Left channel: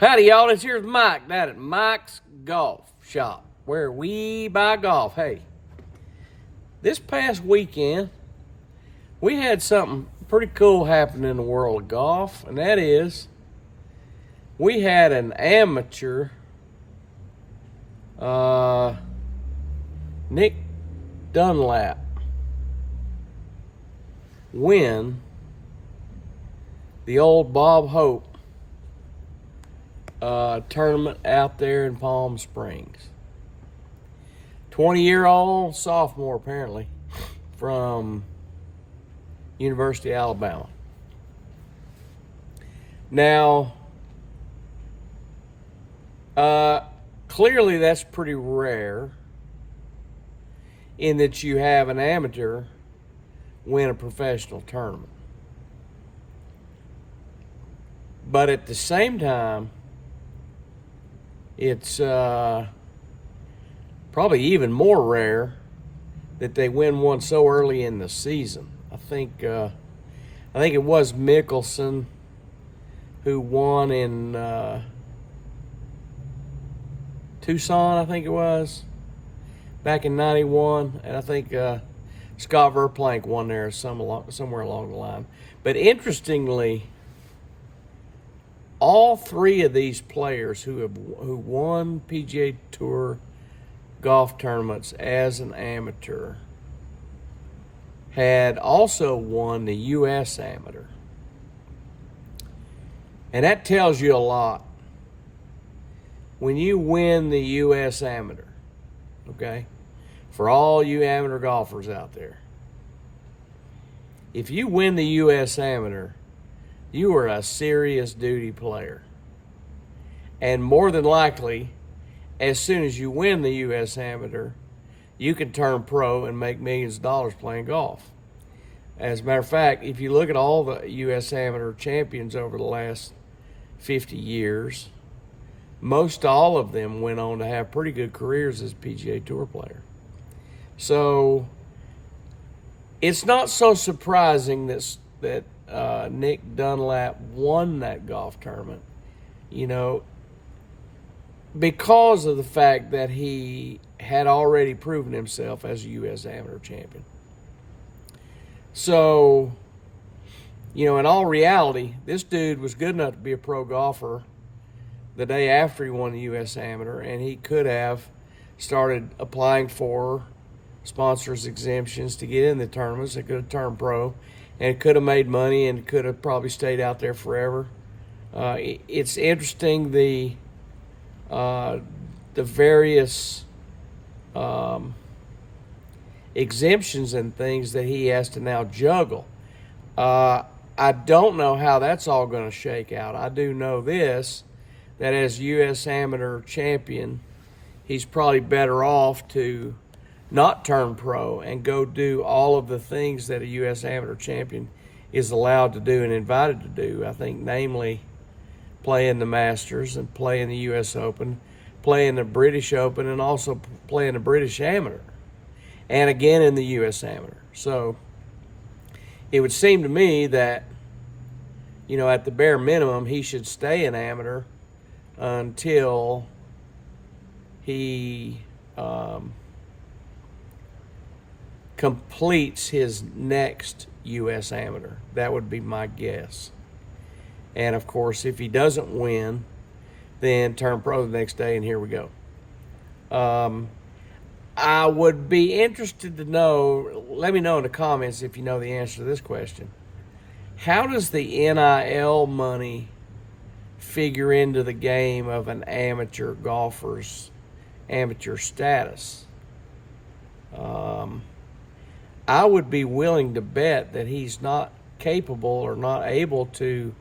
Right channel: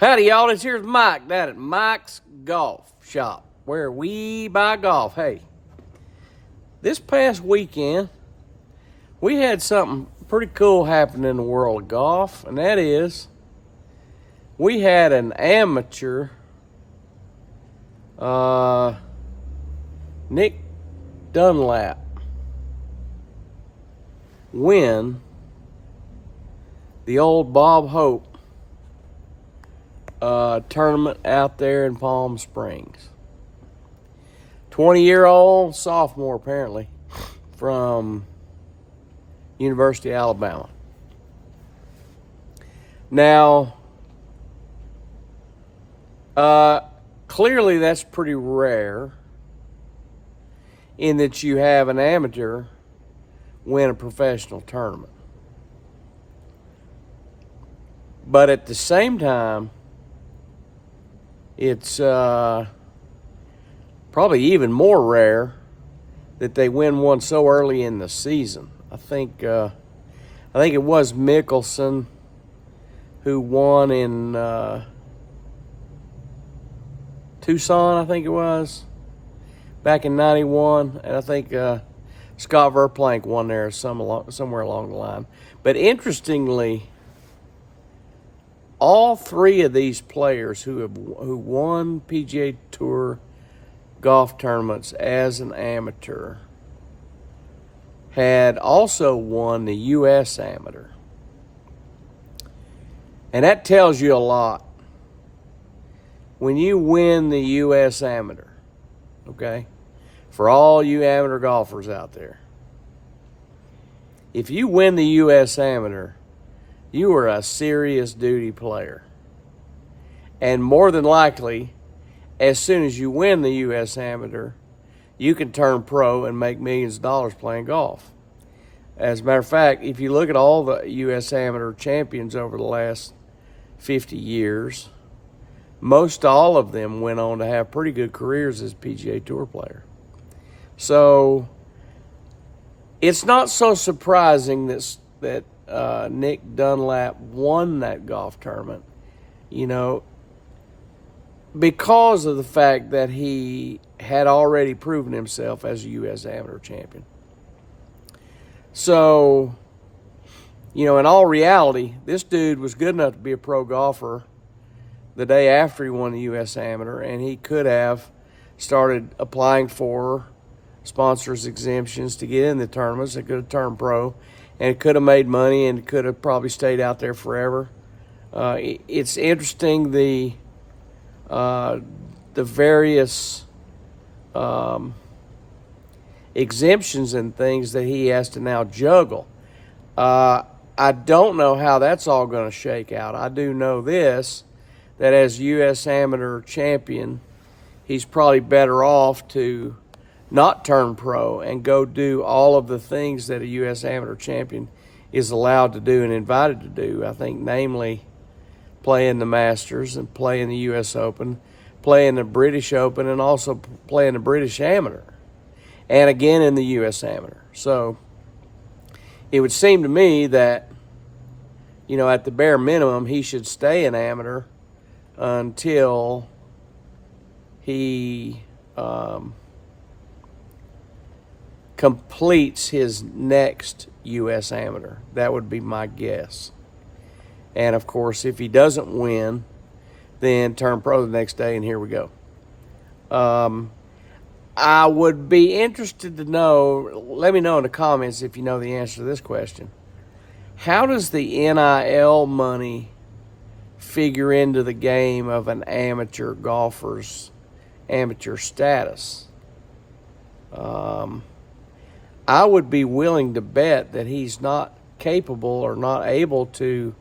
Howdy, y'all. Here's Mike down at Mike's Golf Shop, where we buy golf. Hey, this past weekend, we had something pretty cool happen in the world of golf, and that is we had an amateur, Nick Dunlap, win the old Bob Hope tournament out there in Palm Springs. 20-year-old sophomore, apparently, from University of Alabama. Now, clearly that's pretty rare in that you have an amateur win a professional tournament. But at the same time, it's probably even more rare that they win one so early in the season. I think it was Mickelson who won in Tucson, I think it was, back in '91, and I think Scott Verplank won there somewhere along the line. But interestingly, all three of these players who won PGA Tour golf tournaments as an amateur had also won the U.S. Amateur. And that tells you a lot. When you win the U.S. Amateur, okay, for all you amateur golfers out there, if you win the U.S. Amateur, you are a serious duty player. And more than likely, as soon as you win the U.S. Amateur, you can turn pro and make millions of dollars playing golf. As a matter of fact, if you look at all the U.S. Amateur champions over the last 50 years, most all of them went on to have pretty good careers as PGA Tour player. So it's not so surprising that Nick Dunlap won that golf tournament, because of the fact that he had already proven himself as a U.S. Amateur champion. So, in all reality, this dude was good enough to be a pro golfer the day after he won the U.S. Amateur, and he could have started applying for sponsors exemptions to get in the tournaments. He could have turned pro and could have made money and could have probably stayed out there forever. It's interesting the various exemptions and things that he has to now juggle. I don't know how that's all going to shake out. I do know this, that as U.S. Amateur champion, he's probably better off to not turn pro and go do all of the things that a U.S. Amateur champion is allowed to do and invited to do. I think, namely, play in the Masters and play in the U.S. Open, play in the British Open, and also play in the British Amateur, and again in the U.S. Amateur. So it would seem to me that, at the bare minimum, he should stay an amateur until he completes his next U.S. Amateur. That would be my guess. And, of course, if he doesn't win, then turn pro the next day, and here we go. I would be interested to know, let me know in the comments if you know the answer to this question. How does the NIL money figure into the game of an amateur golfer's amateur status? I would be willing to bet that he's not capable or not able to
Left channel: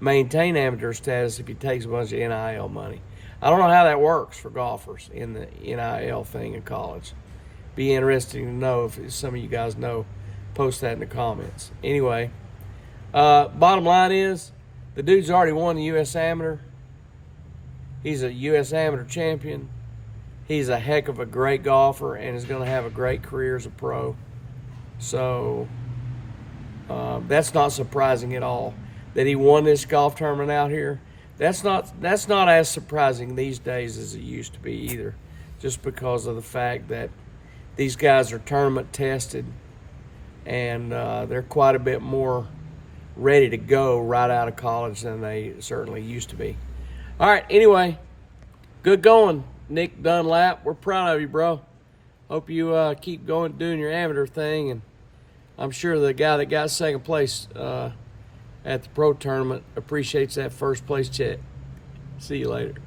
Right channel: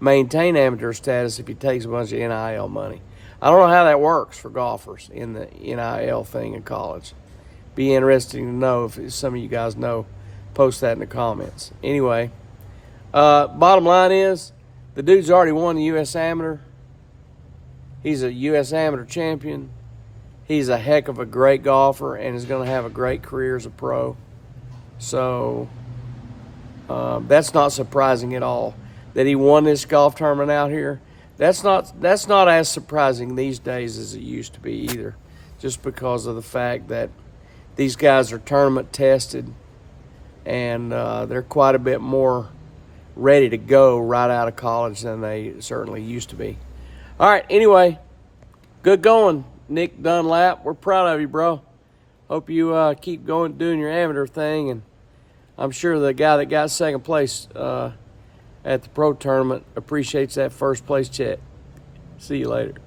maintain amateur status if he takes a bunch of NIL money. I don't know how that works for golfers in the NIL thing in college. Be interesting to know if some of you guys know. Post that in the comments. Anyway, bottom line is, the dude's already won the U.S. Amateur. He's a U.S. Amateur champion. He's a heck of a great golfer and is going to have a great career as a pro. So that's not surprising at all that he won this golf tournament out here. that's not as surprising these days as it used to be either, just because of the fact that these guys are tournament tested and they're quite a bit more ready to go right out of college than they certainly used to be. All right, anyway, good going, Nick Dunlap. We're proud of you, bro. Hope you keep going, doing your amateur thing, and I'm sure the guy that got second place at the pro tournament appreciates that first place check. See you later.